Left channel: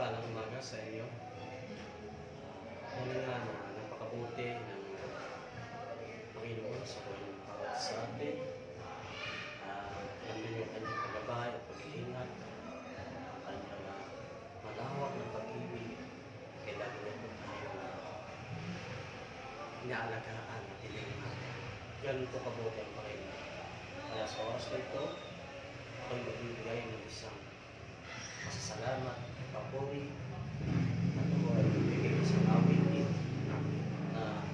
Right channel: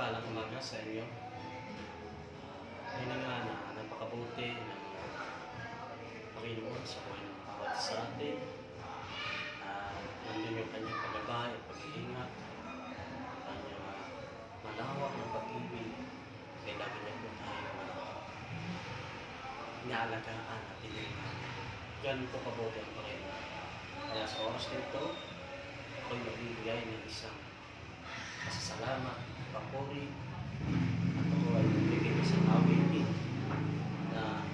mapagpalang umaga sa inyo. Yun nga na napakabuti ng Panginoon sa buhay ng bawat sa atin. Nandun yung kanyang paggabay at pag-iingat, kanyang malawak ng pag-ibig, kaya lagi niya po tayo inaalagaan at tinignan. Ganun po kabuti ang Panginoon. Kaya sa oras na ito, ako'y nagbibigay ng isang pasasalamat, papuri, at ako ay nagbibigay ng isang awitin na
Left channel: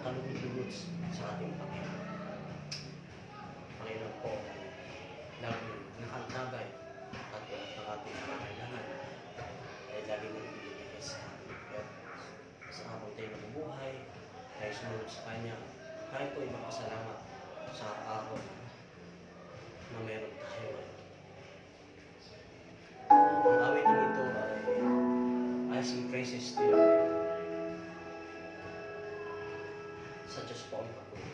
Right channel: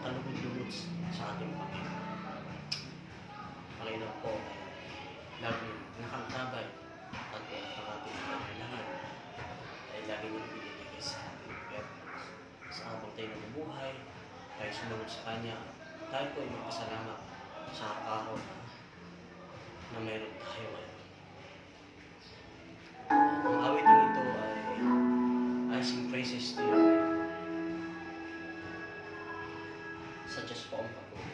kalugod-lugod sa ating Panginoon. Panginoon po ay lagi nakantabay at ang ating kailangan ay lagi nang binibigay sa atin. Kaya sa habang tayo nabubuhay, tayo sumunod sa Kanya, tayo po ay magpasalamat sa araw na meron tayo. Ang awitin ito ay sing praises to you, such as po ang papuri.